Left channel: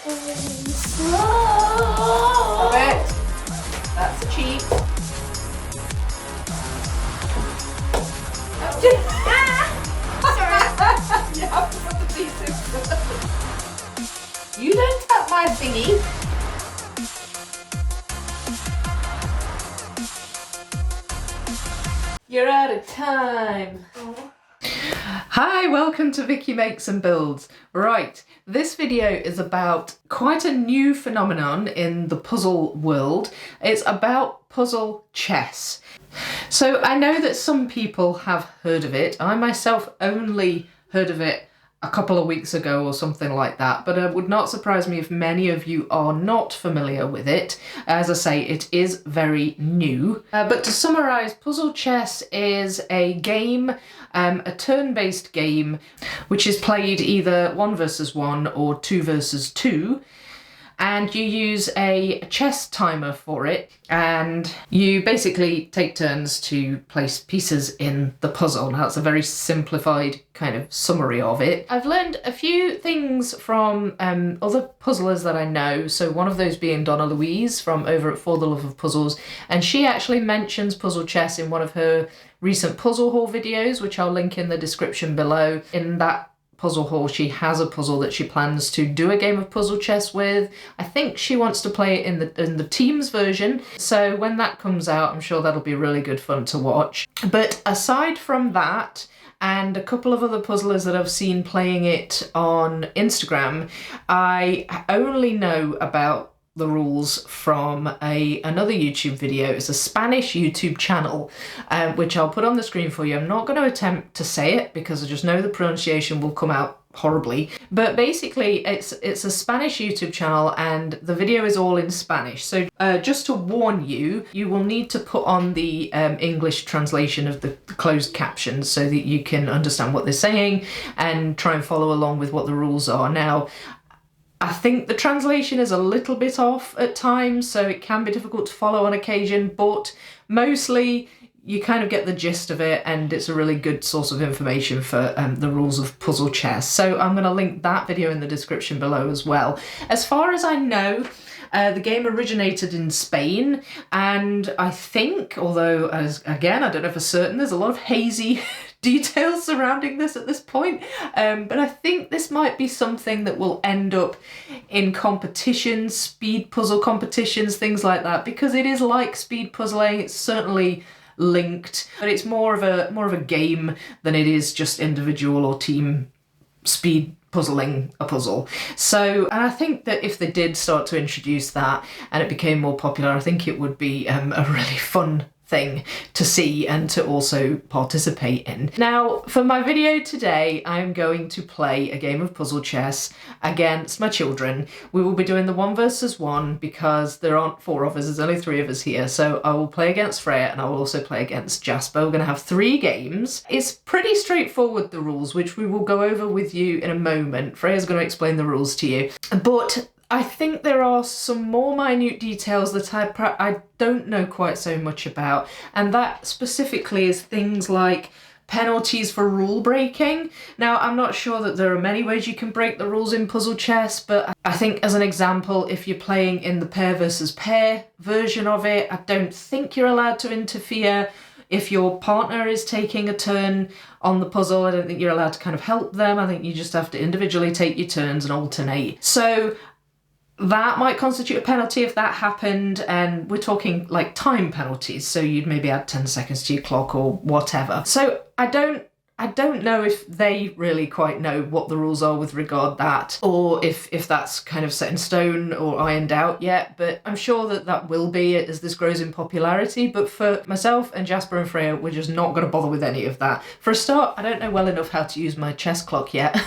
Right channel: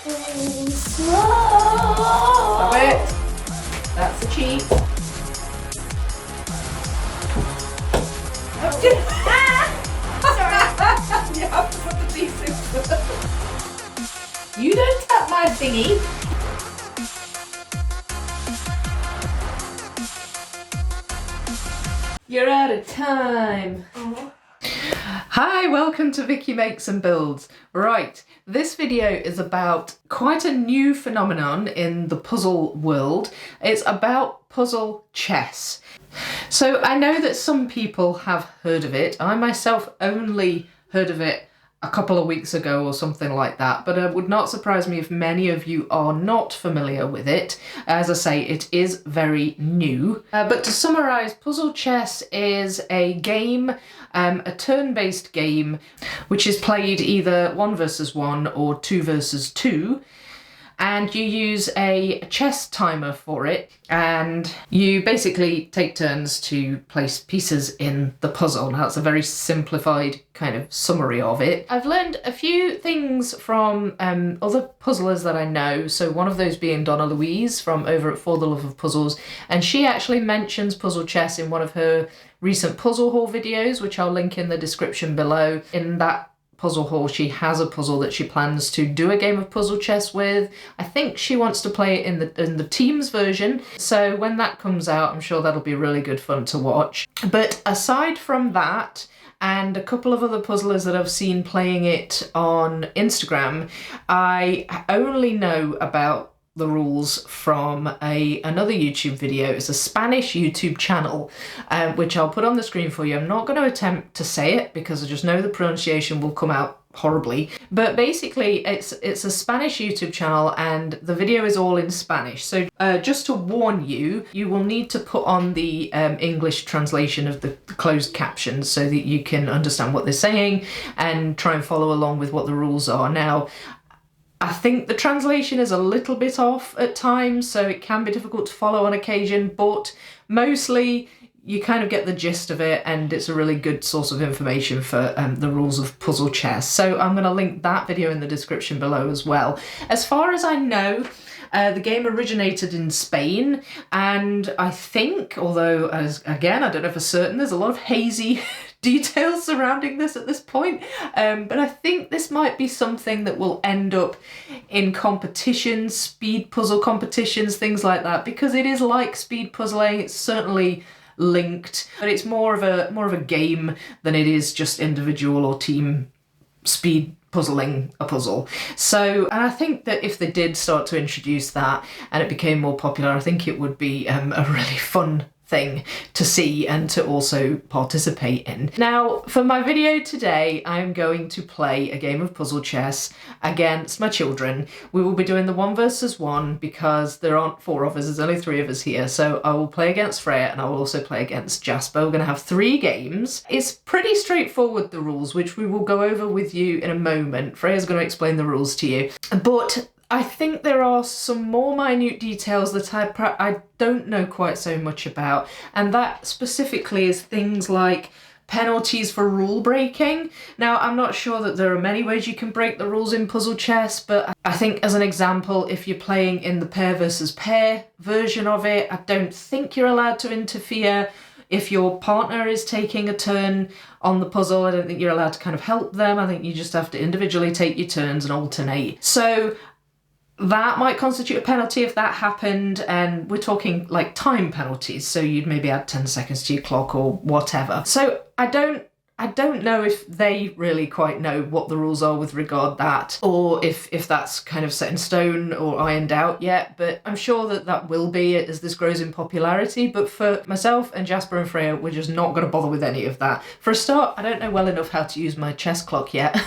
Stop it. That's a cheat. Sorry. You have to put the teeth through. You don't tap my thingy. You're out of time. Oh. Hi, welcome to Vicky Makes and Builds. Right, this video is about quite a new phenomenon in the puzzle world. It's about puzzle chess. So I know that some people have heard of it. I myself only heard of it a couple of weeks ago or something like that, but it would not surprise me if many of you are not familiar with it. As I say, it is very new. But to summarise, puzzle chess is a game, a turn-based game, which is played either 1 versus 1 or 2 versus 2. And you use a chess timer for it, and you basically take turns to place pieces in the puzzle. Now, that's a very simplified kind of summary of it. I've learned a few things from other puzzlers that I know, so one of those being Donna Louise from over at For the Love of Puzzles, and she actually mentions puzzle chess in one of her recent puzzle haul videos, which I'll link in the description below. In that puzzle haul, she has a puzzle that she plans to do a game of puzzle chess with. I think she wants to play it in the Teams version, so when that comes out, I'm sure that'll be really good fun to watch. But aside from that, and a couple of other puzzlers that I've seen playing it on Instagram, I only know about the rules from another YouTube video. It's a Spanish YouTube channel, which I'll put on the screen for you. I'm not going to attempt to say it because I just know the pronunciation will come out horribly, but basically it's a Spanish YouTube channel and the video is all in Spanish. So just to warn you, you will need to put on the English translation of the closed captions so that you can understand what they're saying and try and follow along with what the rules are. Now, I think the translation is a little bit off at times, so it can be difficult to follow on occasion, but mostly you kind of get the gist of it, and it's a really good source of information for the rules of puzzle chess. So I'm going to link that video in the description below as well. As far as I know, the game originated in Spain, and I think, although again I don't know for certain, there's a lot of hazy details surrounding this at this point, but I think this might be something that will end up in competitions, speed puzzle competitions, things like that, because it is like speed puzzling. It's certainly linked, but it's more of a game than it is just individual or team speed puzzling a puzzle. So, and I think that if they did start to introduce that and it became more popular, I think it would be a really fun thing to see and to also participate in. Now, for my video today, I'm going to play a game of puzzle chess against my children. We will be doing the 1 versus 1 because there aren't 4 of us, there's only 3 of us here. So I will play against Freya and I will also play against Jasper. We're going to have 3 games. It's pretty straightforward, the rules, which we will go over with you in a moment. Freya's going to explain the rules to you. But I think there are some more minute details that I don't know quite so much about, and that specifically is things like penalties for rule breaking. Now, I'm not sure that there are many ways you can break the rules in puzzle chess, but I think as an example, if you're playing in the pair versus pair version of it, I don't think you're allowed to interfere. If your partner is taking a turn on the puzzle, I don't think you're allowed to kind of help them. I think you just have to individually take your turns and alternate. So that might constitute a penalty if that happened, and we're talking like time penalties, so you'd maybe add 10 seconds to your clock or whatever. So I don't know if they really quite know what the rules are with regard that, or if that's kind of set in stone or ironed out yet, but I'm sure that will be as this grows in popularity. But for myself and Jasper and Freya, we're just not going to bother with any of that. For a start, I don't know well enough how to use my chess clock yet.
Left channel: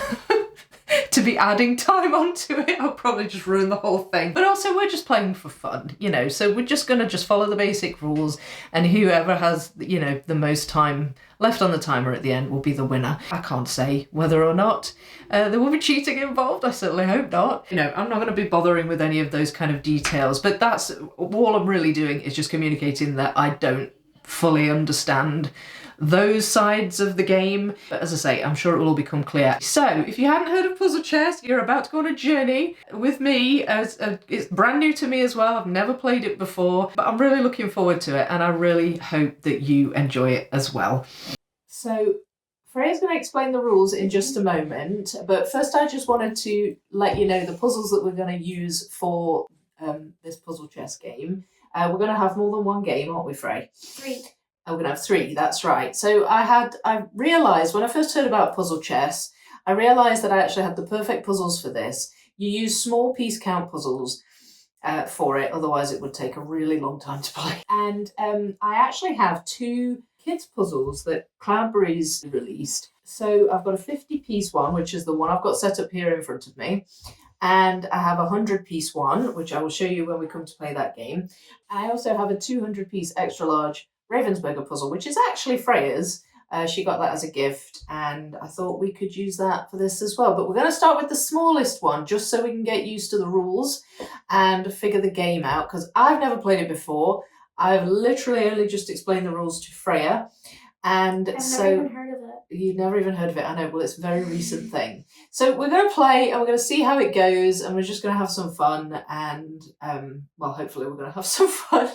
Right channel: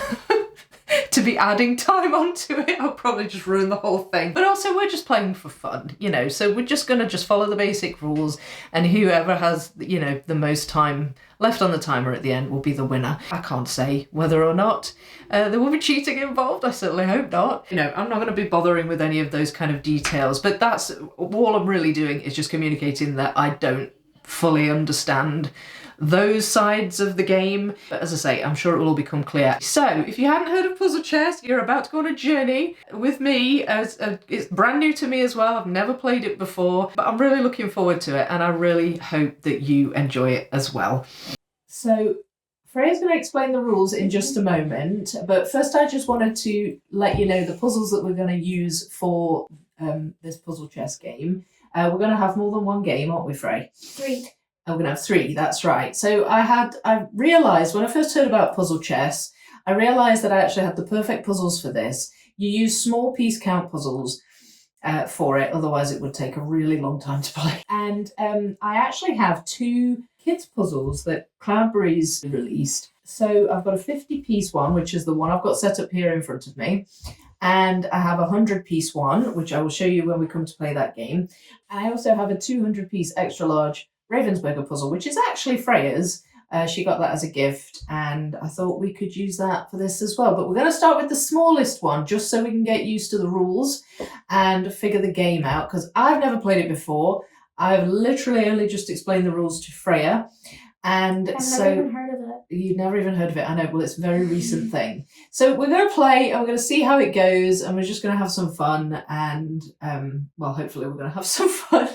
To be adding time onto it, I'll probably just ruin the whole thing. But also, we're just playing for fun, you know, so we're just gonna follow the basic rules, and whoever has, you know, the most time left on the timer at the end will be the winner. I can't say whether or not there will be cheating involved. I certainly hope not. You know, I'm not going to be bothering with any of those kind of details, but that's all I'm really doing, is just communicating that I don't fully understand those sides of the game. But as I say, I'm sure it will all become clear. So if you hadn't heard of puzzle chess, you're about to go on a journey with me. It's brand new to me as well. I've never played it before, but I'm really looking forward to it, and I really hope that you enjoy it as well. So Freya's going to explain the rules in just a moment, but first I just wanted to let you know the puzzles that we're going to use for this puzzle chess game. We're going to have more than one game, aren't we, Frey? 3. We're going to have 3, that's right. So I realised when I first heard about puzzle chess, I realised that I actually had the perfect puzzles for this. You use small piece count puzzles for it, otherwise it would take a really long time to play. And I actually have 2 kids puzzles that Cloudberries released. So I've got a 50-piece one, which is the one I've got set up here in front of me. And I have a 100-piece one, which I will show you when we come to play that game. I also have a 200-piece extra large Ravensburger puzzle, which is actually Freya's. She got that as a gift, and I thought we could use that for this as well. But we're going to start with the smallest one, just so we can get used to the rules and figure the game out, because I've never played it before. I've literally only just explained the rules to Freya. And I've never even heard of it. You've never even heard of it? I know, well, it's a very recent thing. So we're going to play, and we're going to see how it goes, and we're just going to have some fun, and, well, hopefully we're going to have some fun.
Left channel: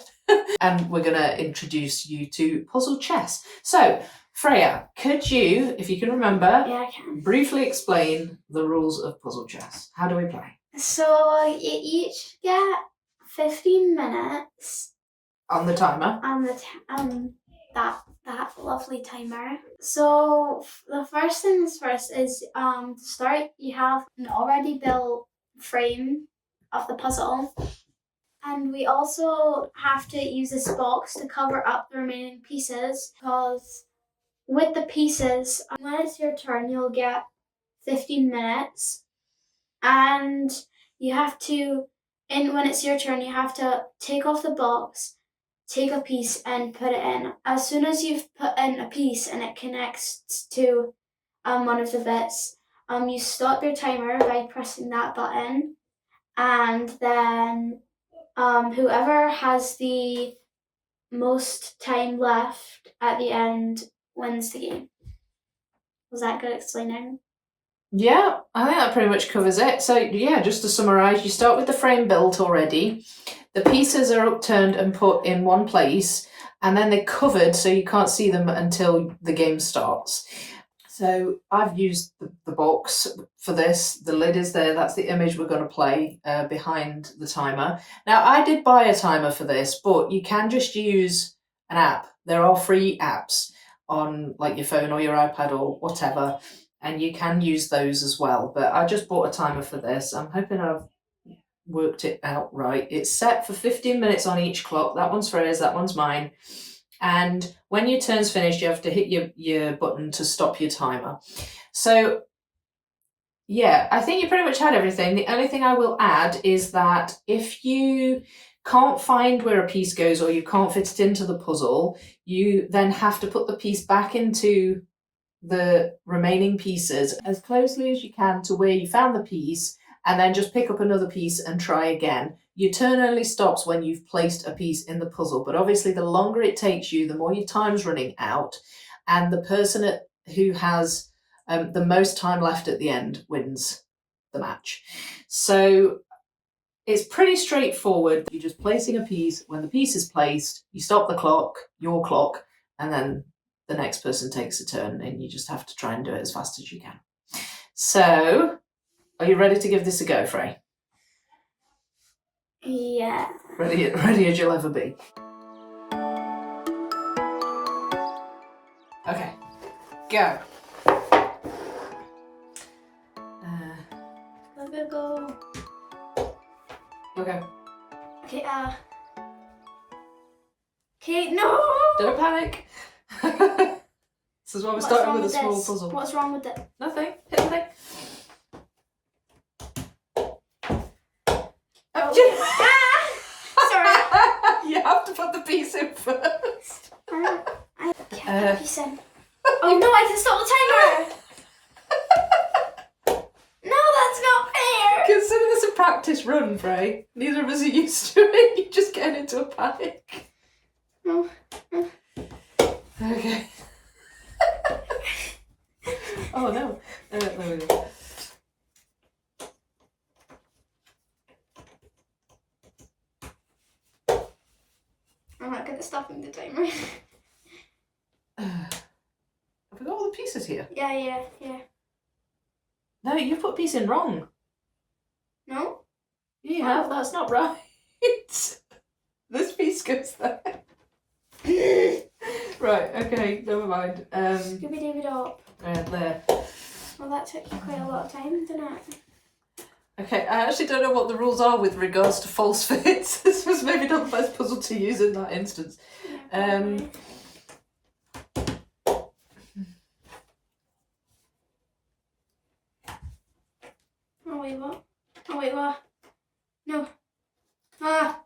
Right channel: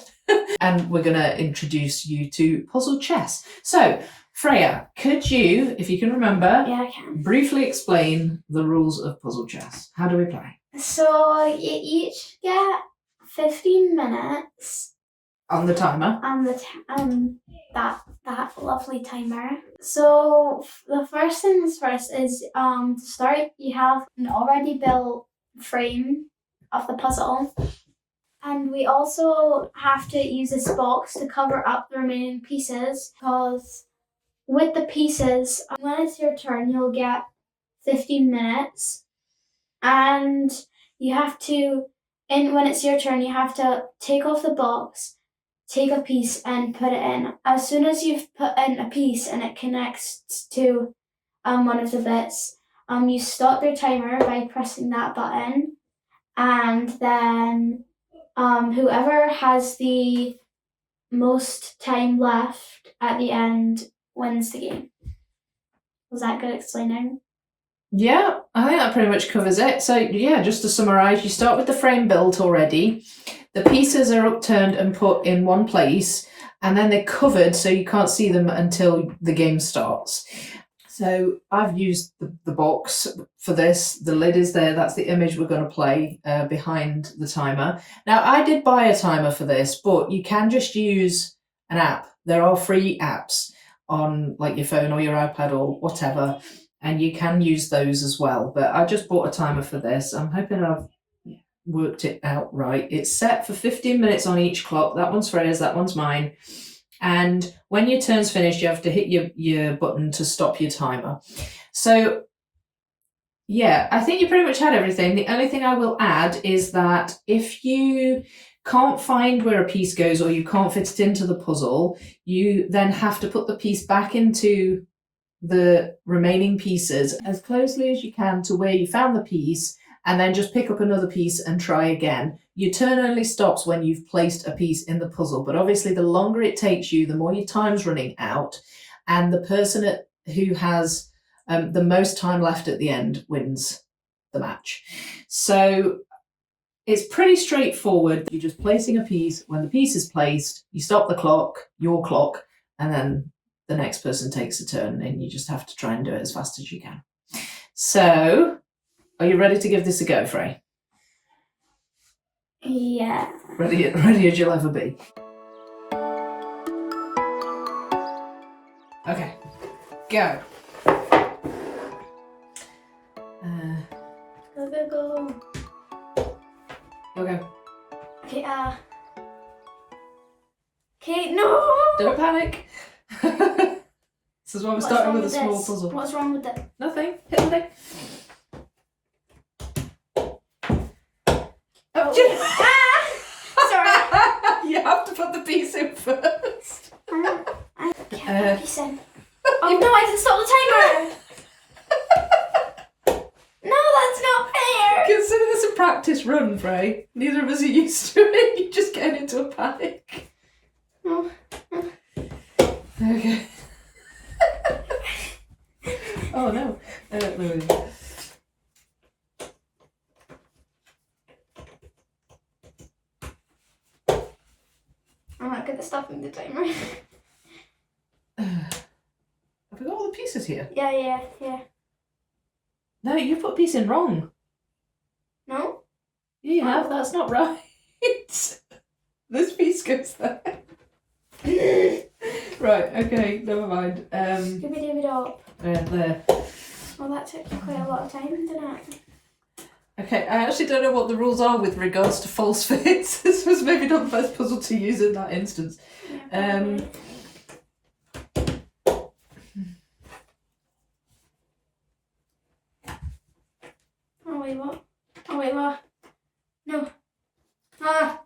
And we're going to introduce you to puzzle chess. So, Freya, could you, if you can remember, Yeah, I can. briefly explain the rules of puzzle chess? How do we play? So you each get 15 minutes On the timer. on the that lovely timer. So the first things first is to start. You have an already built frame of the puzzle, and we also have to use this box to cover up the remaining pieces, because with the pieces, when it's your turn, you'll get 15 minutes, and you have to, and when it's your turn, you have to take off the box, take a piece and put it in. As soon as you've put in a piece and it connects to one of the bits, you stop your timer by pressing that button, and then whoever has the most time left at the end wins the game. Was that good explaining? Yeah, I think that pretty much covers it. So yeah, just to summarise, you start with the frame built already. The pieces are upturned and put in one place, and then they're covered so you can't see them until the game starts. So I've used the box for this. The lid is there. That's the image we're going to play behind the timer. Now, I did buy a timer for this, but you can just use an app. There are free apps on like your phone or your iPad or whatever, and you can use those as well. But I just bought a timer for this. I'm hoping I've worked it out right. It's set for 15 minutes on each clock. That one's Freya's, that one's mine. And when your turn's finished, you have to hit your button to stop your timer. So yeah, I think you pretty much had everything. The only thing I will add is that if you can't find where a piece goes, or you can't fit it into the puzzle, you then have to put the piece back into the remaining pieces as closely as you can to where you found the piece, and then just pick up another piece and try again. Your turn only stops when you've placed a piece in the puzzle, but obviously the longer it takes you, the more your time's running out, and the person who has the most time left at the end wins the match. So it's pretty straightforward. You're just placing a piece. When the piece is placed, you stop the clock, your clock, and then the next person takes a turn, and you just have to try and do it as fast as you can. So, are you ready to give this a go, Frey? Yeah. Ready as you'll ever be. Okay, go. Go. Okay. Okay, okay, no! Don't panic. This is why we're starting with a small this? puzzle. What's wrong with it? Nothing. Hit the thing. Sorry. You have to put the piece in first. I can't put the piece in. Oh no, I can stop the timer! No, that's not fair! Consider this a practice run, Frey. Neither of us are used to it. You're just getting into a panic. No. Okay. Oh no. Wait. I'm not good at stopping the timer. Have we got all the pieces here? Yeah. No, you put piece in wrong. No? Yeah, you have. That's not right. This piece goes there. Right, okay, never mind. Scooby-Dooby-Dop. There. Well, that took quite a lot of time, didn't it? Okay, I actually don't know what the rules are with regards to false fits. This was maybe not the best puzzle to use in that instance. Yeah, Oh wait, what? No. Ah!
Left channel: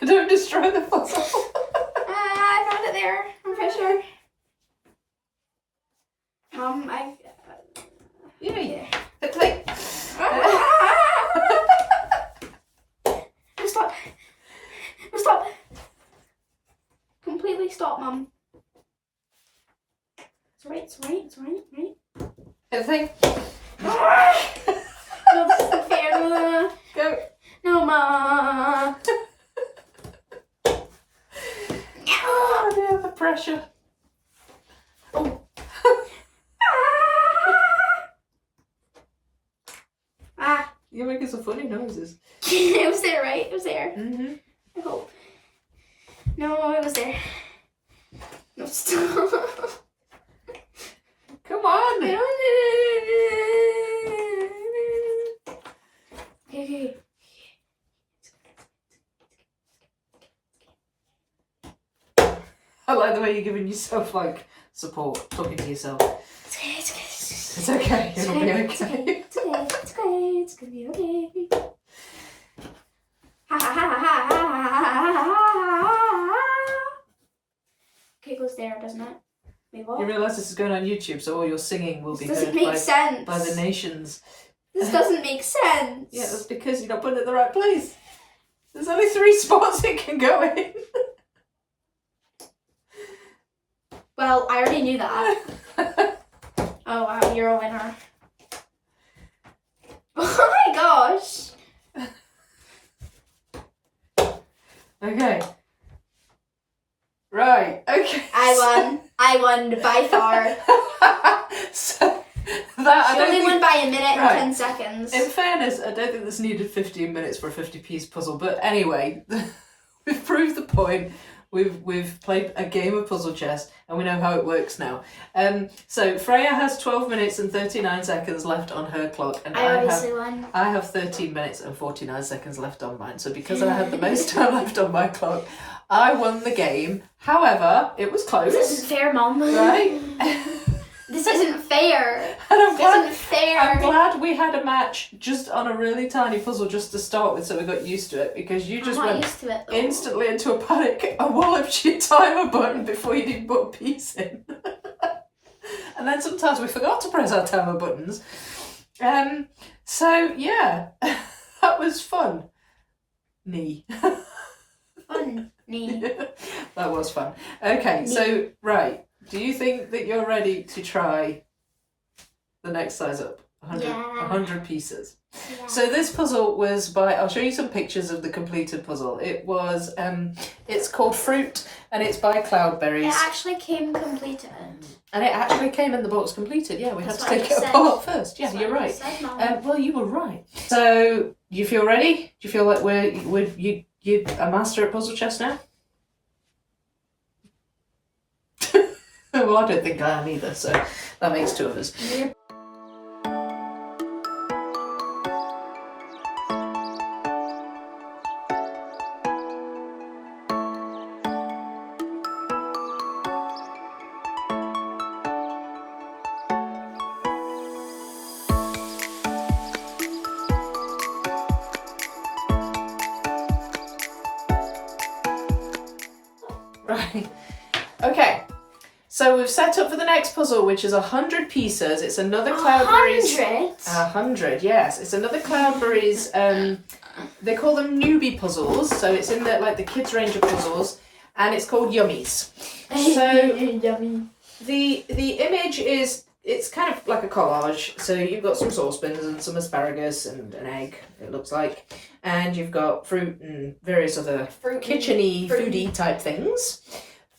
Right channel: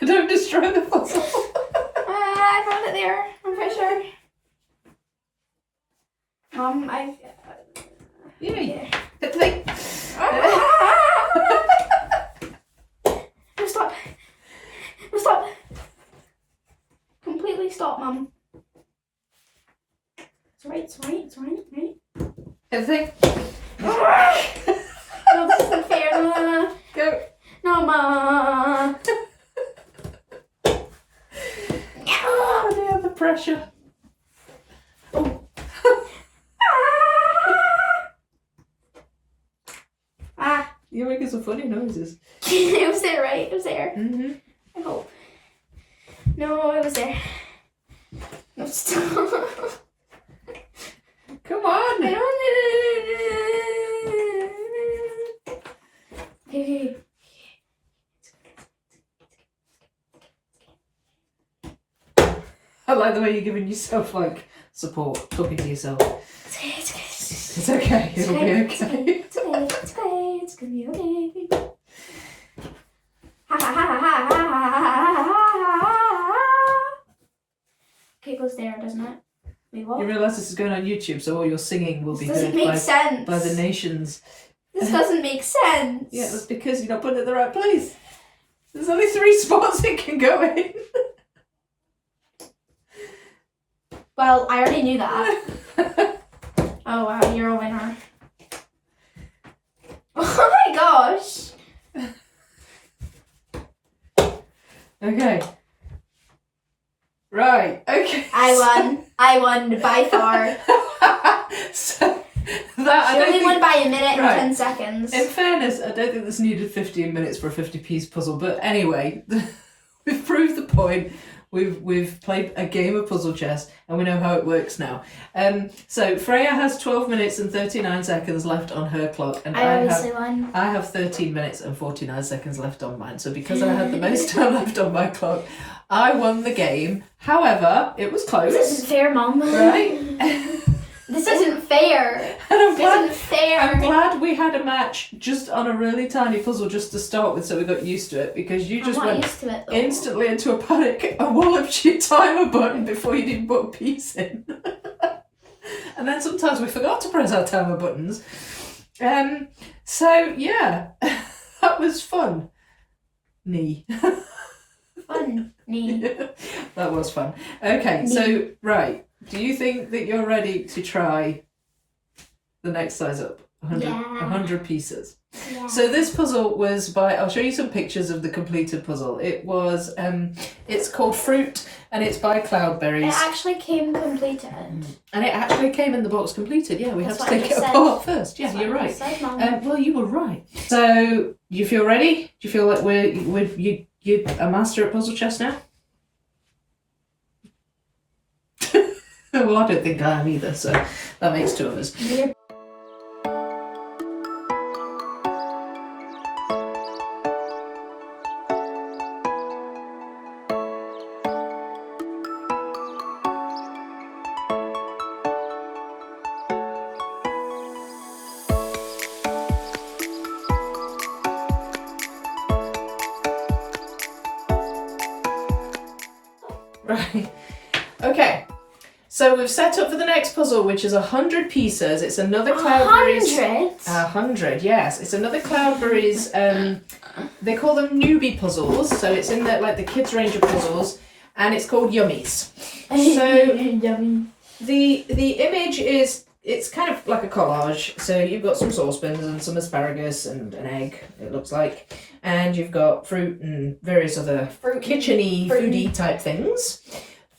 Don't destroy the puzzle. I found it there. I'm pretty sure. Yeah. Play. Stop. Stop. Completely stop, Mum. It's right. Everything. No, this isn't fair. Go. No, Ma. Oh dear, the pressure. Oh. You're making some funny noises. It was there, right? It was there. Mm-hmm. I hope. No, it was there. No, stop. Come on. I don't. Okay. I like the way you're giving yourself like support, talking to yourself. It's okay. It's okay. It'll be okay. It's okay. It's gonna be okay. Ha ha ha ha ha ha. Okay, it goes there, doesn't it? Wait, what? You realise this is going on YouTube, so all your singing will be This doesn't heard make sense. by the nations. This doesn't make sense. Yeah, that's because you're not putting it in the right place. There's only 3 spots it can go in. Well, I already knew that. Oh wow, you're a winner. Oh my gosh. Okay. Right, okay. I won by far. So, that, She only won by a minute and Right. 10 seconds. in fairness, I don't think this needed 15 minutes for a 50-piece puzzle, but anyway, we've proved the point. We've played a game of puzzle chess and we know how it works now. So Freya has 12 minutes and 39 seconds left on her clock, and I obviously won. I have 13 minutes and 49 seconds left on mine. So because I had the most time left on my clock, I won the game. However, it was close. This isn't fair, Mum. Right? This isn't fair. And This isn't fair. I'm glad we had a match just on a really tiny puzzle just to start with, so we got used to it, because you just I'm not went used to it, though. instantly into a panic and walloped your timer button before you didn't put a piece in. And then sometimes we forgot to press our timer buttons. So yeah, that was fun. Fun. That was fun. Okay, so right, do you think that you're ready to try the next size up? 100 pieces. Yeah. So this puzzle was by, I'll show you some pictures of the completed puzzle. It was, it's called Fruit, and it's by Cloudberries. It actually came completed. And it actually came in the box completed. Yeah, we That's had to what I take it just apart first. Yeah, That's you're what I right. said, Mum. Well, you were right. So, you feel ready? Do you feel like you're a master at puzzle chess now? Well, I don't think I am either, so that makes 2 of us. Yeah. Right. Okay. So we've set up for the next puzzle, which is 100 pieces. It's another Cloudberries. 100? 100, yes. It's another Cloudberries. They call them newbie puzzles, so it's in the kids range of puzzles, and it's called Yummies. So Yummy. the image is, it's kind of like a collage. So you've got some saucepans and some asparagus and an egg, it looks like. And you've got fruit and various other kitchen-y, foodie type things.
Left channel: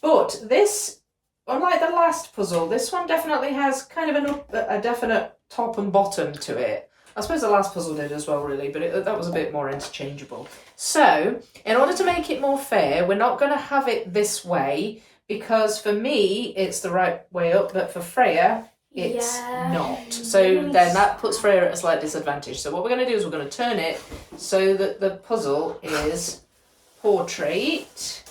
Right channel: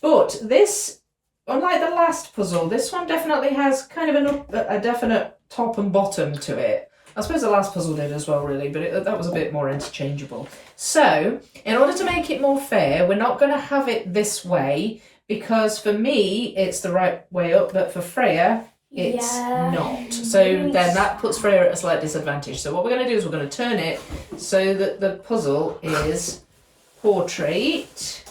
But this, unlike the last puzzle, this one definitely has kind of a definite top and bottom to it. I suppose the last puzzle did as well, really, but that was a bit more interchangeable. So, in order to make it more fair, we're not going to have it this way, because for me, it's the right way up, but for Freya, it's not. So then that puts Freya at a slight disadvantage. So what we're going to do is we're going to turn it so that the puzzle is portrait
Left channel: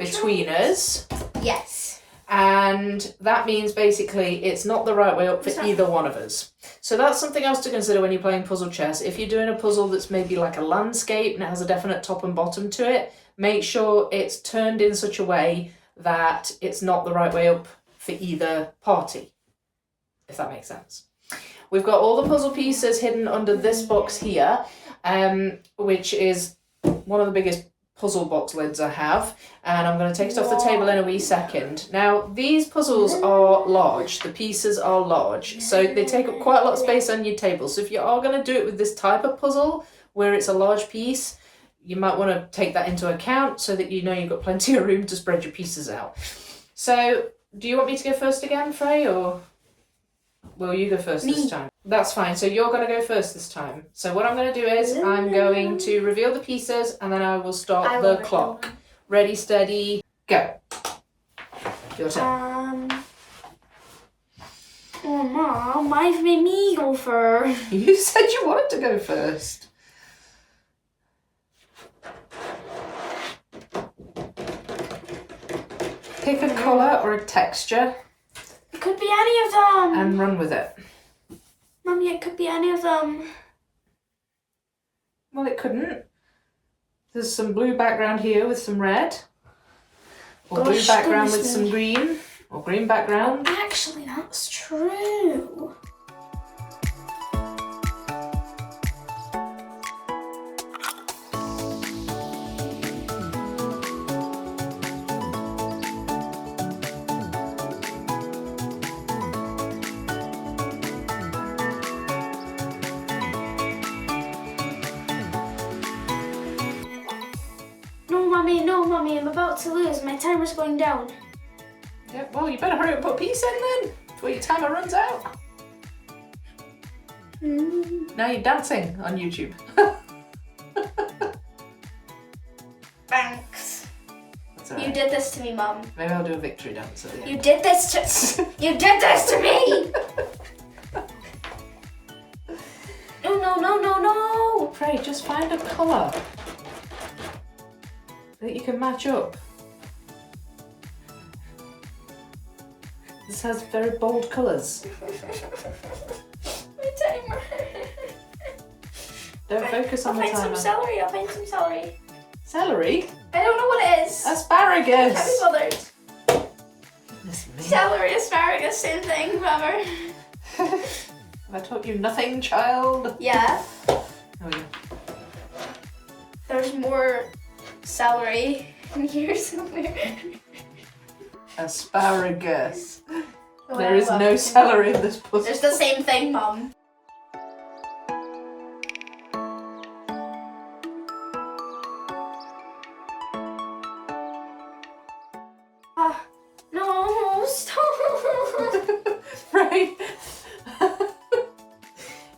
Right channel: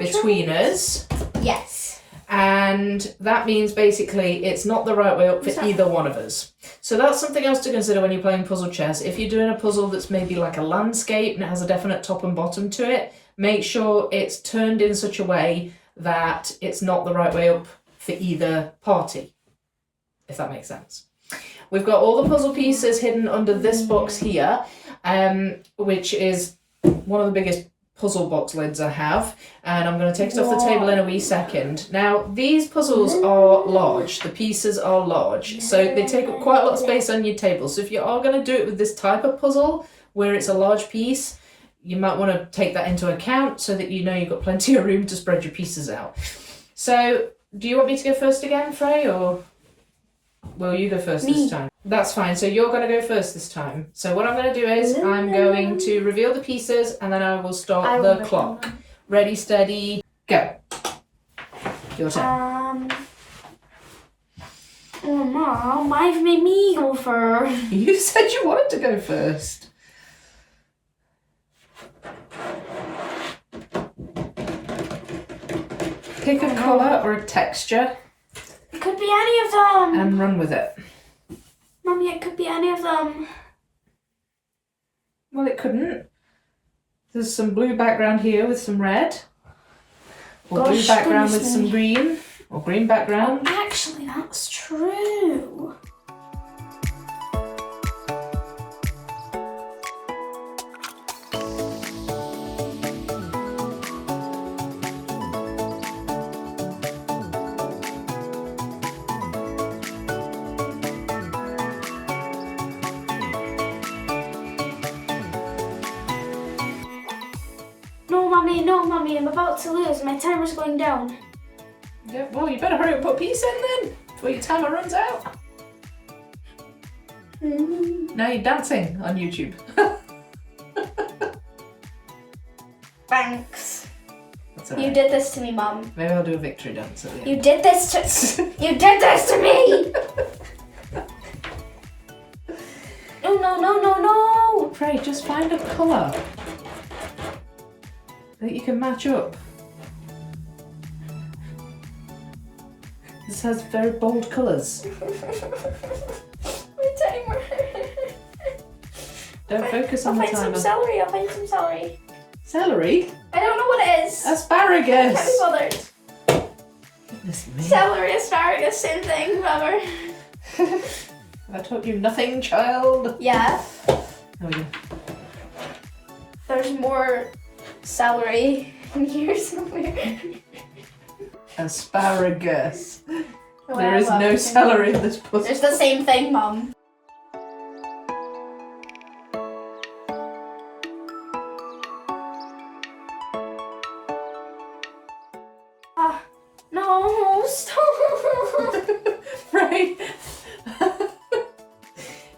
between us. Yes. And that means basically it's not the right way up for either one of us. So that's something else to consider when you're playing puzzle chess. If you're doing a puzzle that's maybe like a landscape and it has a definite top and bottom to it, make sure it's turned in such a way that it's not the right way up for either party, if that makes sense. We've got all the puzzle pieces hidden under this box here, which is one of the biggest puzzle box lids I have, and I'm going to take it off the table in a wee second. Now, these puzzles are large, the pieces are large, so they take up quite a lot of space on your table. So if you are going to do it with this type of puzzle, where it's a large piece, you might want to take that into account so that you know you've got plenty of room to spread your pieces out. So, do you want me to go first again, Frey, or will you go first this time? That's fine, so you're going to go first this time. So what I'm going to do is I'm going to reveal the pieces and then I will start the clock. Ready, steady, go. Your turn. Oh, Mom, why have you made me go first? You said you wanted to go first. Pick a colour or a texture. It could be any of them. And run with it. Mommy, it could be any of them. Well, it couldn't. There's some blue background here with some red. Or blue background with some green. Or green background. Oh, actually, that's true. No, Mommy, I'm about to lose. My timer's going down. Yeah, well, you better hurry up and put a piece in then, before your timer runs out. Now you're dancing on YouTube. Thanks. Right. You did this to me, Mom. Maybe I'll do a victory dance at the end. You did this to You did this to me! No. Frey, just find a colour that you can match up. This has very bold colours. My timer. Don't focus on the timer. I'll find some celery. Celery? I don't know what it is. Asparagus. Can't be bothered. Goodness me. Celery, asparagus, same thing, whatever. I taught you nothing, child. Yeah. Oh, yeah. There's more celery in here somewhere. Asparagus. There is no celery in this puzzle. It's the same thing, Mum. No, stop. Right.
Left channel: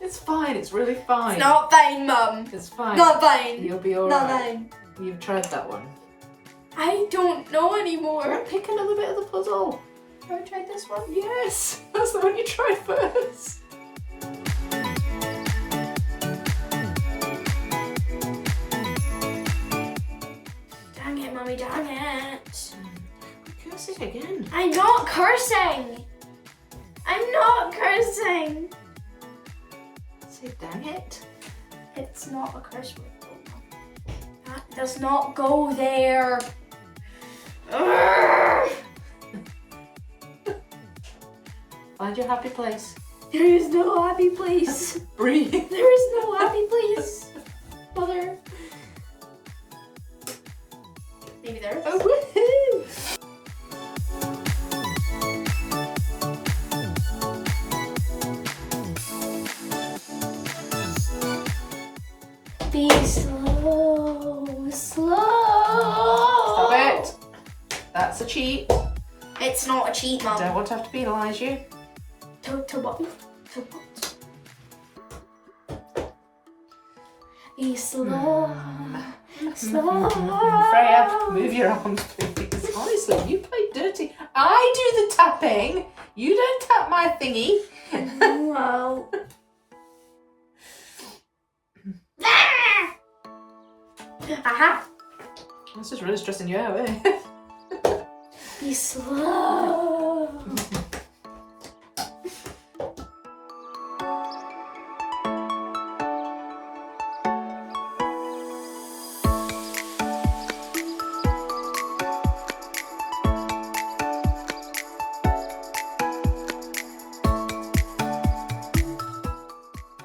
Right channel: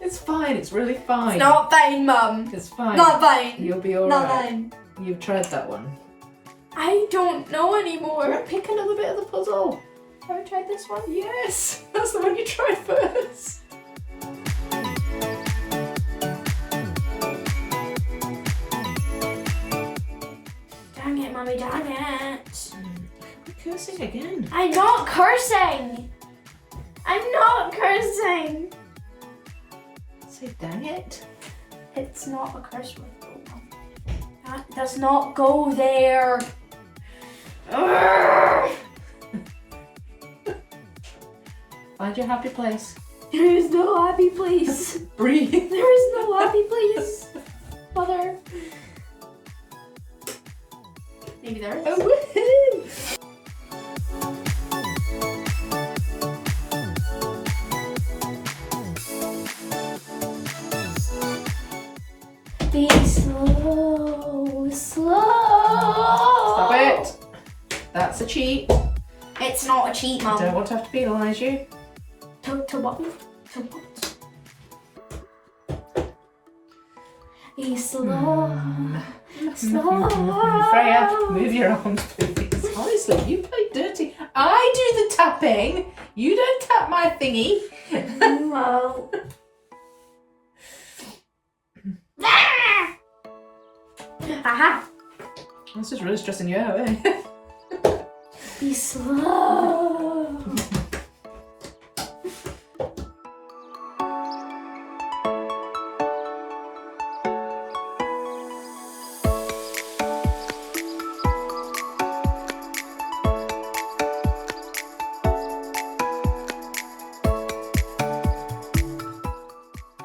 It's fine, it's really fine. It's not fine, Mum. It's fine. Not fine. You'll be alright. Not fine. You've tried that one. I don't know anymore. Right, pick another bit of the puzzle. Have I tried this one? Yes, that's the one you tried first. Dang it, Mummy, dang it. Quit cursing again. I'm not cursing. I'm not cursing. Say dang it. It's not a curse word, though, Mum. That does not go there. Find your happy place. There is no happy place. Breathe. There is no happy place. Mother. Maybe there is. Oh, woohoo! Be slow. Stop it. That's a cheat. It's not a cheat, I Mum. don't want to have to penalise you. To what? To what? Be slow. Slow. Freya, move your arms, please. Honestly, you play dirty. I do the tapping. You don't tap my thingy. Wow. Aha. This is really stressing you out, eh? Be slow.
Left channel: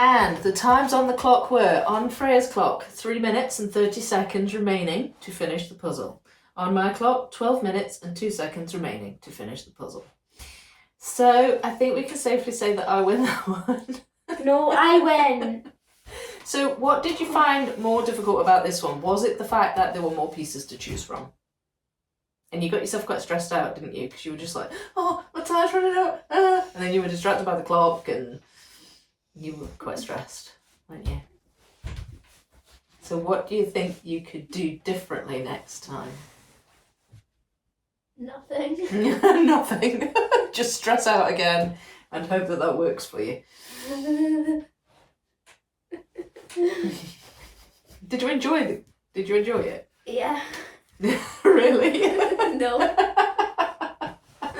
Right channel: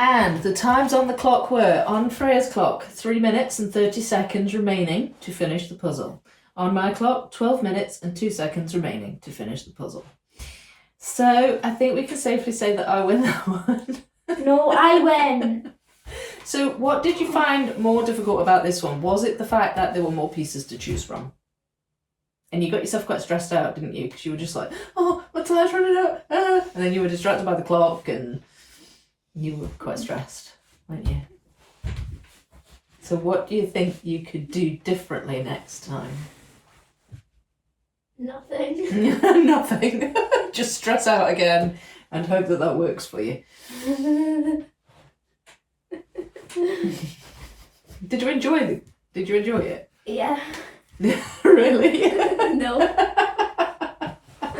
And the times on the clock were, on Freya's clock, 3 minutes and 30 seconds remaining to finish the puzzle. On my clock, 12 minutes and 2 seconds remaining to finish the puzzle. So I think we can safely say that I win that one. No, I win. So what did you find more difficult about this one? Was it the fact that there were more pieces to choose from? And you got yourself quite stressed out, didn't you? Because you were just like, oh, my time's running out. Ah. And then you were distracted by the clock and you were quite stressed, weren't you? So what do you think you could do differently next time? Nothing. Nothing. Just stress out again and hope that that works for you. Did you enjoy it? Did you enjoy it? Yeah. Really? No. I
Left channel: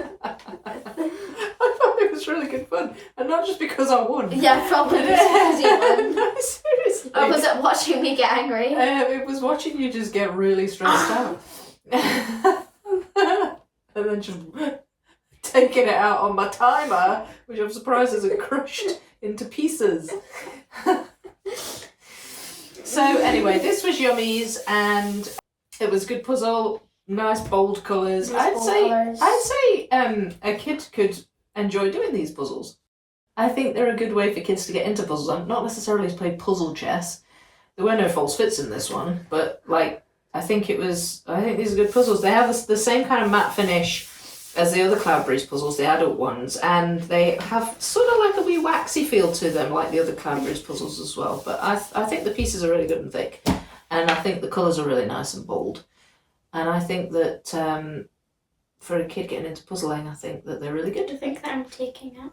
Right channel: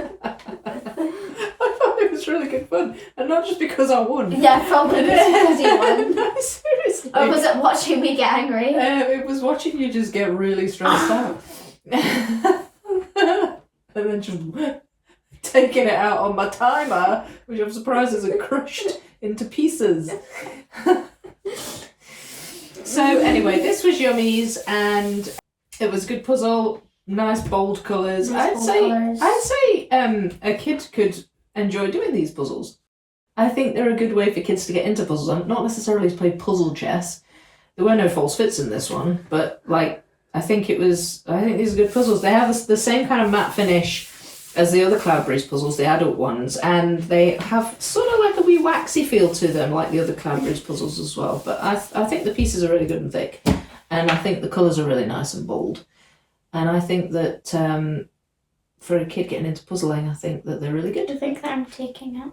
thought it was really good fun, and not just because I won. Yeah, probably because you won. No, seriously. Or was it watching me get angry? It was watching you just get really stressed out. And then just taking it out on my timer, which I'm surprised isn't crushed into pieces. So anyway, this was Yummies, and it was a good puzzle, nice bold colours. I'd say a kid could enjoy doing these puzzles. I think they're a good way for kids to get into puzzles, and not necessarily to play puzzle chess. There were no false fits in this one, but I think these are good puzzles. They have the same kind of matte finish as the other Cloudberries puzzles, the adult ones, and they have sort of like a wee waxy feel to them, like the other Cloudberries puzzles as well. But I think the pieces are really good and thick, and I think the colours are really nice and bold. And I think that for a kid getting into puzzling, I think that they're really good. Do you think that I'm taking it?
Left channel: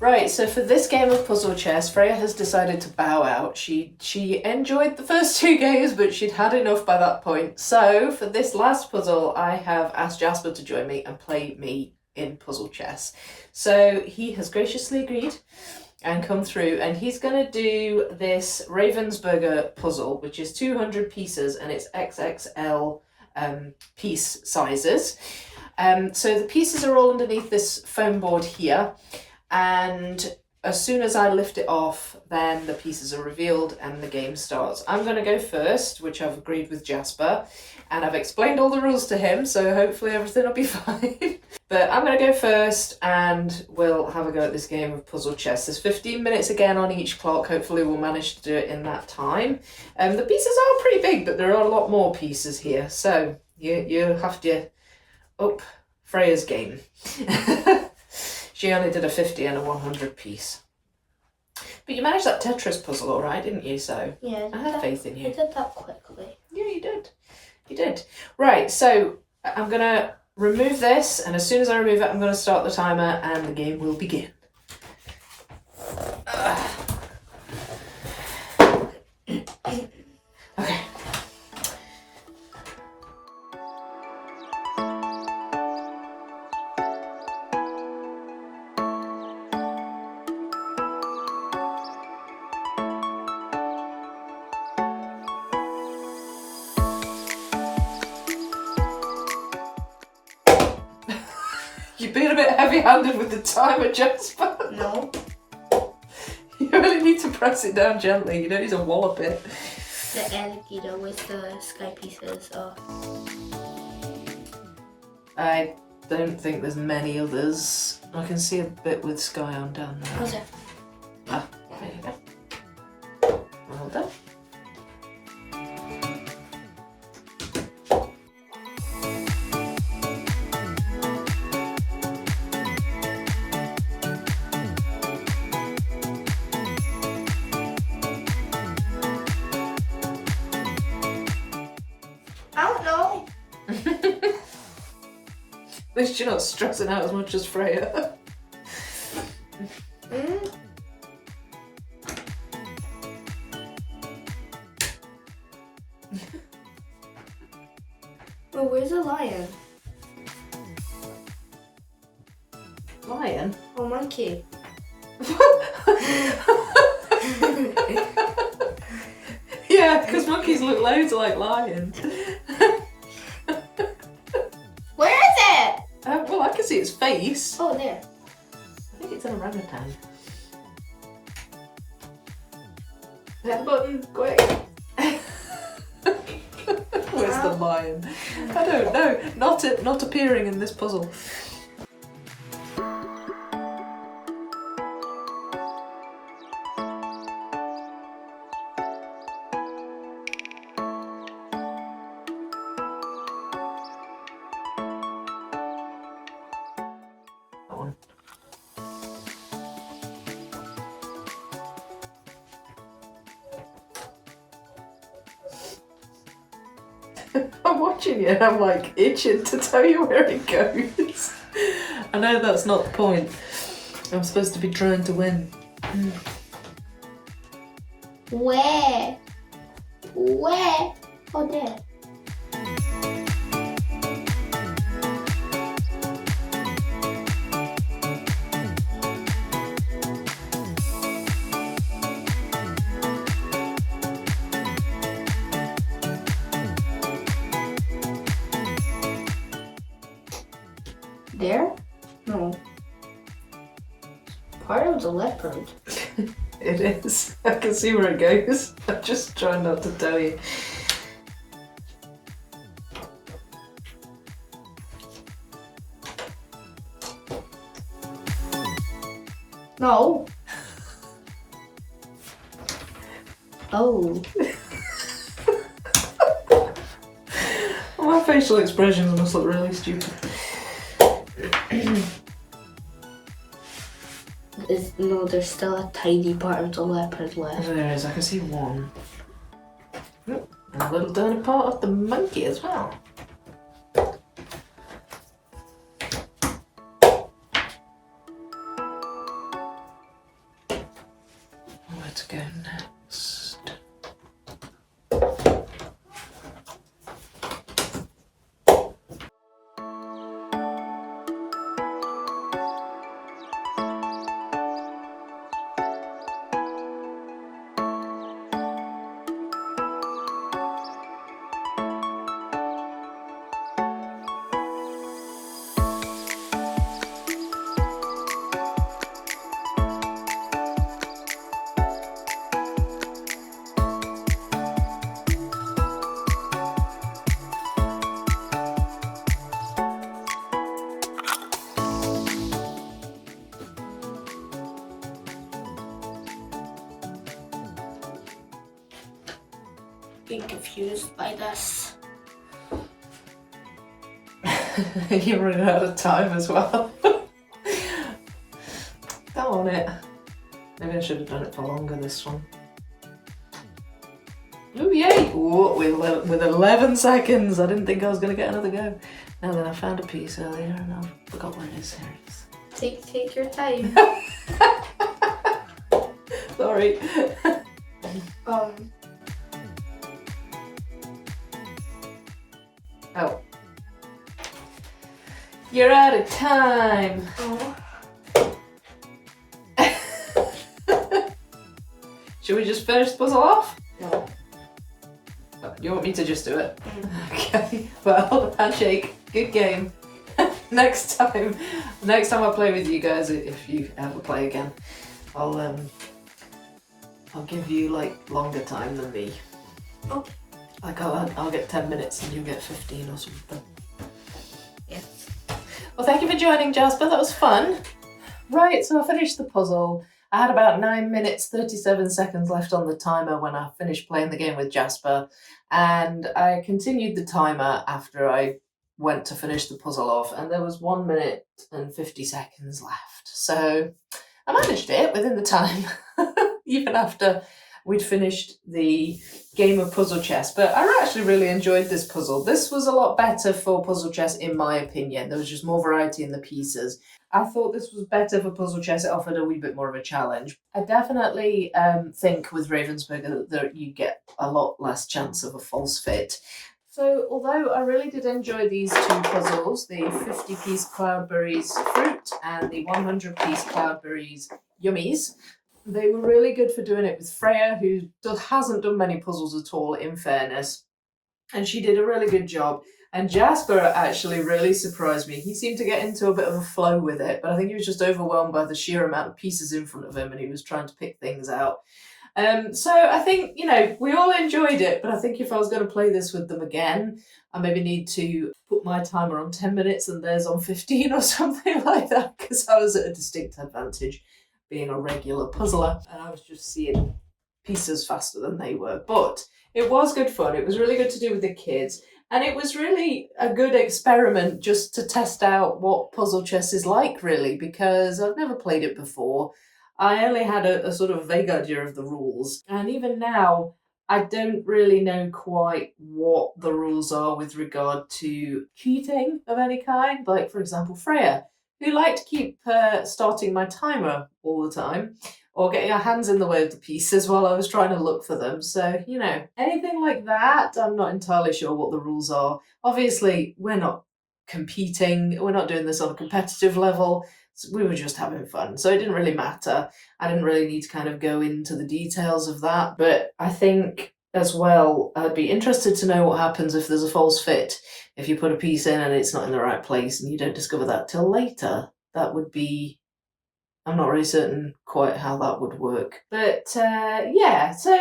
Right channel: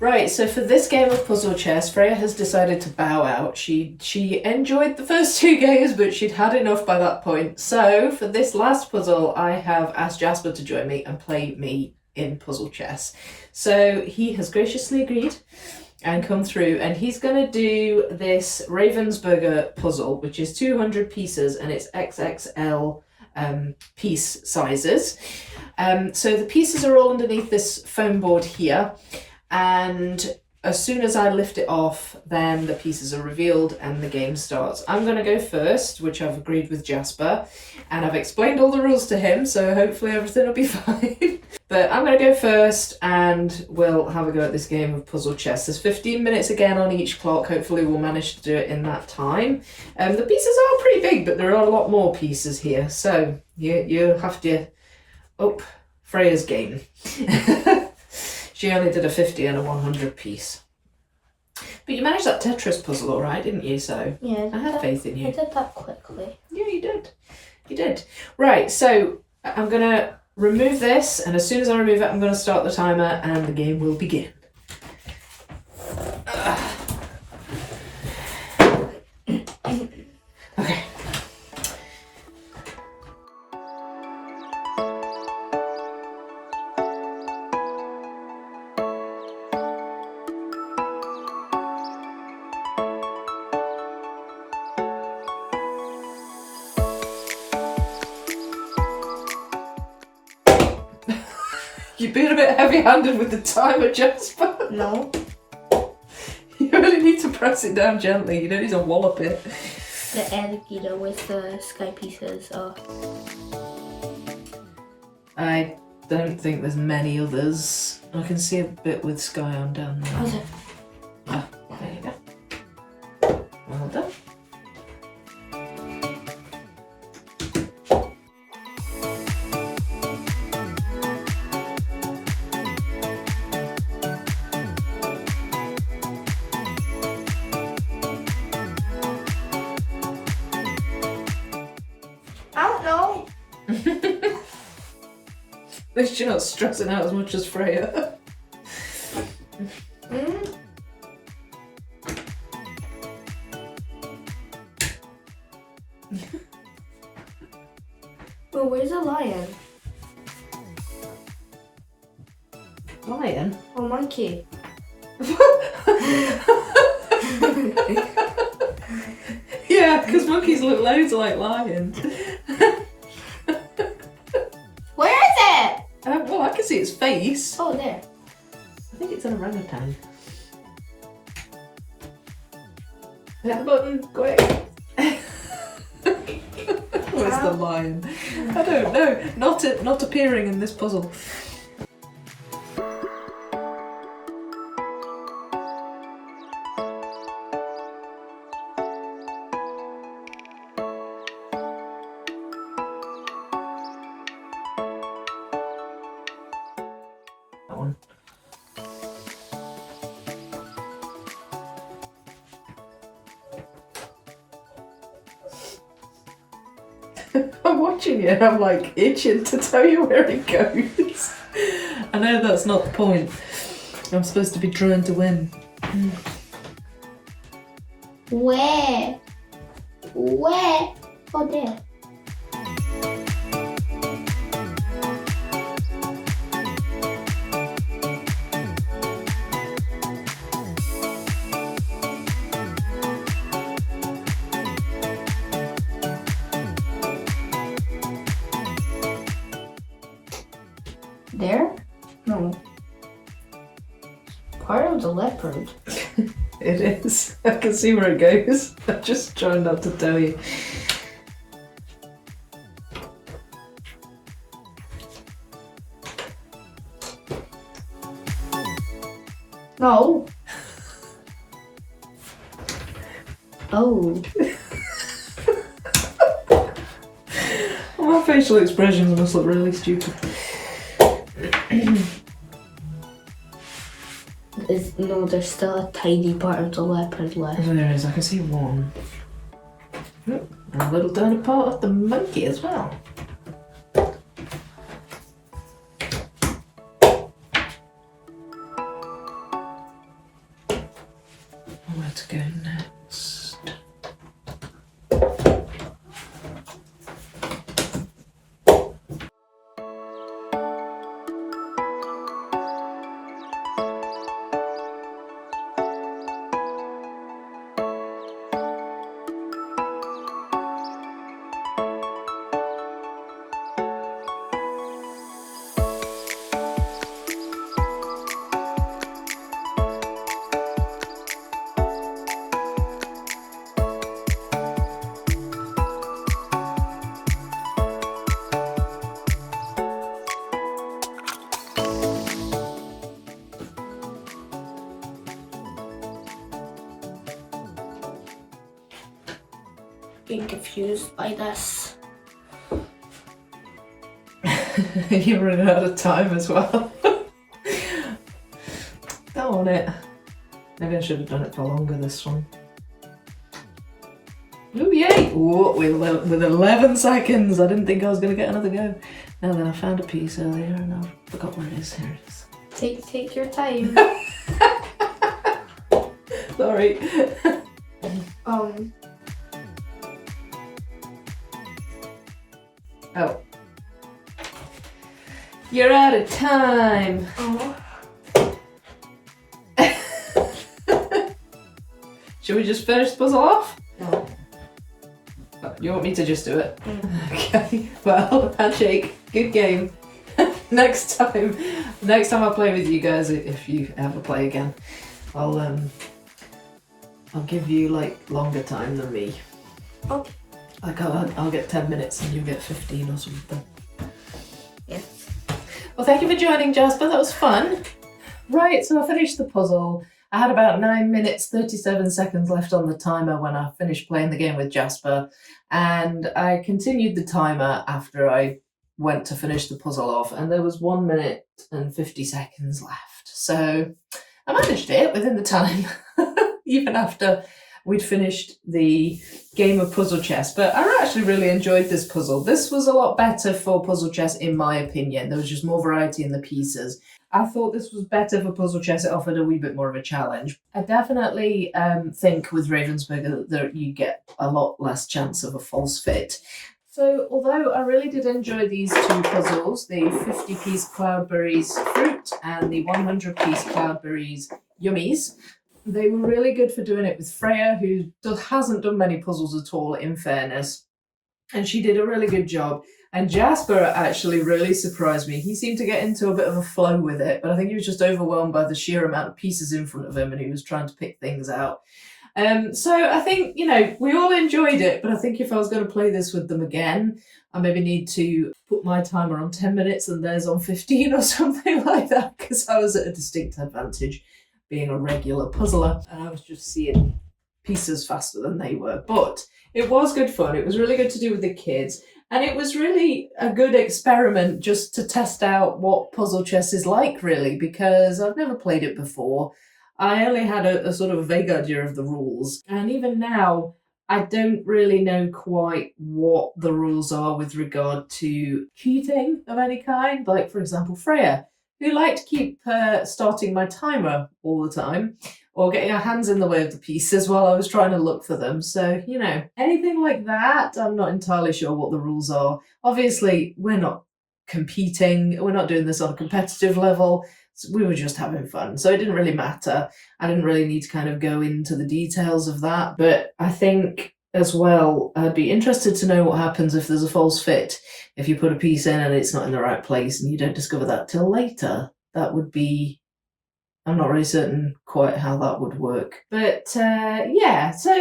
Right, so for this game of puzzle chess, Freya has decided to bow out. She enjoyed the first 2 games, but she'd had enough by that point. So for this last puzzle, I have asked Jasper to join me and play me in puzzle chess. So he has graciously agreed and come through, and he's going to do this Ravensburger puzzle, which is 200 pieces, and it's XXL piece sizes. So the pieces are all underneath this foam board here. And as soon as I lift it off, then the pieces are revealed and the game starts. I'm going to go first, which I've agreed with Jasper, and I've explained all the rules to him, so hopefully everything will be fine. But I'm going to go first and we'll have a go at this game of puzzle chess. There's 15 minutes again on each clock. Hopefully we'll manage to do it in that time. The pieces are pretty big, but there are a lot more pieces here, so you have to up Freya's game. She only did a 50 and a 100 piece. But you managed that Tetris puzzle all right, didn't you? So yeah, I have faith in you. I did that quickly. Yeah, you did. You did. Right, so I'm going to remove this, and as soon as I remove it, I'm going to start the timer and the game will begin. You've been a bit heavy-handed with the timer, Jasper. No. You only need to press it down gently. You don't need to wallop it. The alligator with the sky pieces. Oh. I don't think there's many others. I can see a bit with sky on down there. Okay. Ah, there you go. Well done. I don't know. At least you're not stressing out as much as Freya. Well, where's the lion? Lion? Oh, monkey. Yeah, because monkeys look loads like lions. Where is it? Well, I can see its face. Oh, there. I think it's an orangutan. Hit the button, quick. Where's the lion? I don't know. Not appearing in this puzzle. That one. I'm watching it and I'm like itching to tell you where it goes. I know that's not the point. I'm supposed to be trying to win. Where? Where? Oh, there. There? No. Part of the leopard. It is. I can see where it goes. I'm just trying not to tell you. No. Oh. My facial expressions must look really stupid. No, there's still a tiny part of the leopard left. There is. I can see one. And a little tiny part of the monkey as well. Where to go next? Being confused by this. You're running out of time as well. Go on it. Maybe I should have done it for longer this one. Ooh, yay! Ooh, with 11 seconds. I didn't think I was going to get another go. Now then, I found a piece earlier and I forgot where it is. Here it is. Take your time. Sorry. Oh. You're out of time. Oh. Should we just finish the puzzle off? No. You want me to just do it? Okay. Well, handshake. Good game. next time I play with you guys, if you ever play again, I'll give you like longer time than me. Oh. Like I'll get 10 minutes and you get 15 or something. Yeah. Well, thank you for joining, Jasper. That was fun. Right, so I finished the puzzle. I had about 9 minutes, 37 seconds left on the timer when I finished playing the game with Jasper, and I continued the timer after I went to finish the puzzle off, and there was 1 minute and 50 seconds left. So I managed it within the time, even after we'd finished the game of puzzle chess. But I actually really enjoyed this puzzle. This was a lot better for puzzle chess, in my opinion. There was just more variety in the pieces. I thought this was better for puzzle chess. It offered a wee bit more of a challenge. I definitely think with Ravensburger that you get a lot less chance of a false fit. So although I really did enjoy these two puzzles, the 50-piece Cloudberries fruit and the 100-piece Cloudberries Yummies, they were really good for doing it with Freya, who hasn't done many puzzles at all, in fairness. And she did a really good job. And Jasper actually really surprised me. He seemed to get into a bit of a flow with it, but I think he was just overwhelmed by the sheer amount of pieces in front of him and he was trying to pick things out. So I think, we all enjoyed it, but I think if I was going to play this with them again, I maybe need to put my timer on 10 minutes and theirs on 15 or something like that, because I was at a distinct advantage being a regular puzzler and I was just seeing pieces faster than they were. But it was good fun. It was really good to do with the kids. And it was really a good experiment just to test out what puzzle chess is like, really, because I've never played it before. I only had a sort of vague idea of the rules. And even now, I don't really know quite what the rules are with regard to cheating of any kind. Like, for example, Freya, who liked to keep starting my timer all the time, or getting her hands in the way of the pieces while I was trying to look for them. So, anything like that, I'm not entirely sure what the rules are. Obviously, we're not competing. We're not doing this on a competitive level. So we were just having fun. So it didn't really matter. I didn't really need to kind of go into the details of that. But I think as well, I'd be interested to know what happens if there's a false fit. If you put a piece in and it's not in the right place and you don't discover that till later, that would be... I'm not really certain quite how that would work. But yeah, so,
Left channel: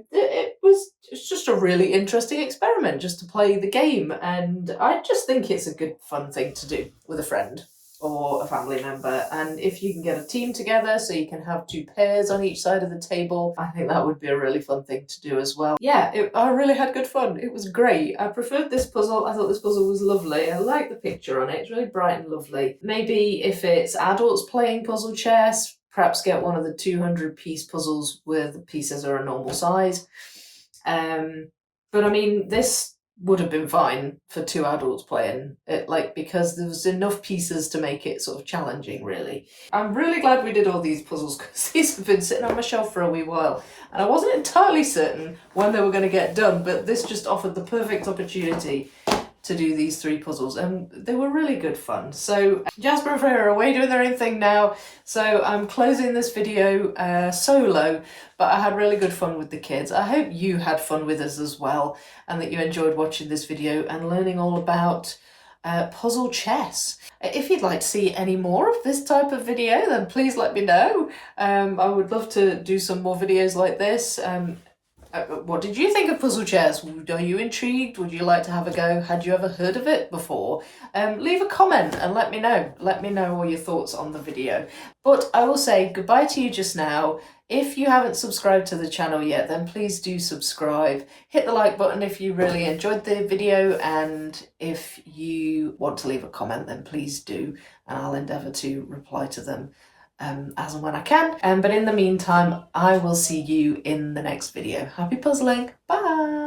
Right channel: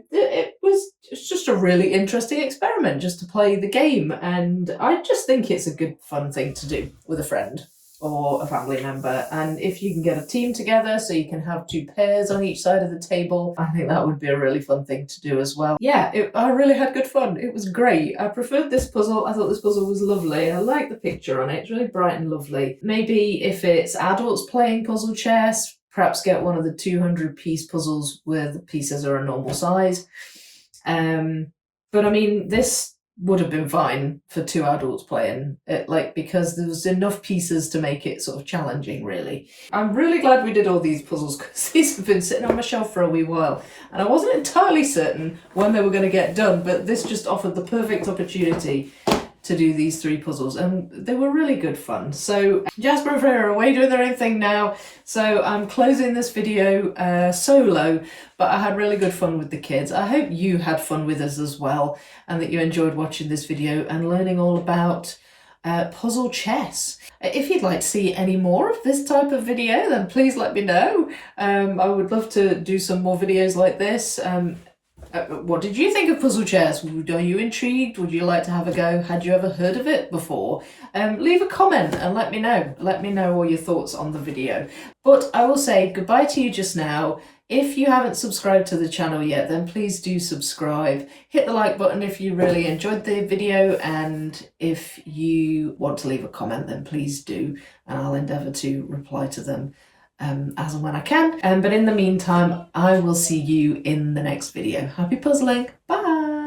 it's just a really interesting experiment just to play the game. And I just think it's a good, fun thing to do with a friend or a family member. And if you can get a team together so you can have two pairs on each side of the table, I think that would be a really fun thing to do as well. Yeah, I really had good fun. It was great. I preferred this puzzle. I thought this puzzle was lovely. I like the picture on it. It's really bright and lovely. Maybe if it's adults playing puzzle chess, perhaps get one of the 200-piece puzzles where the pieces are a normal size. But I mean, this would have been fine for two adults playing it, because there was enough pieces to make it sort of challenging, really. I'm really glad we did all these puzzles because these have been sitting on my shelf for a wee while and I wasn't entirely certain when they were going to get done, but this just offered the perfect opportunity to do these three puzzles and they were really good fun. So Jasper and Freya are away doing their own thing now, so I'm closing this video solo, but I had really good fun with the kids. I hope you had fun with us as well and that you enjoyed watching this video and learning all about puzzle chess. If you'd like to see any more of this type of video, then please let me know. I would love to do some more videos like this. What did you think of puzzle chess? Are you intrigued? Would you like to have a go? Had you ever heard of it before? Leave a comment and let me know. Let me know all your thoughts on the video. But I will say goodbye to you just now. If you haven't subscribed to the channel yet, then please do subscribe. Hit the like button if you really enjoyed the video, and if you want to leave a comment, then please do, and I'll endeavour to reply to them as and when I can. But in the meantime, I will see you in the next video. Happy puzzling. Bye.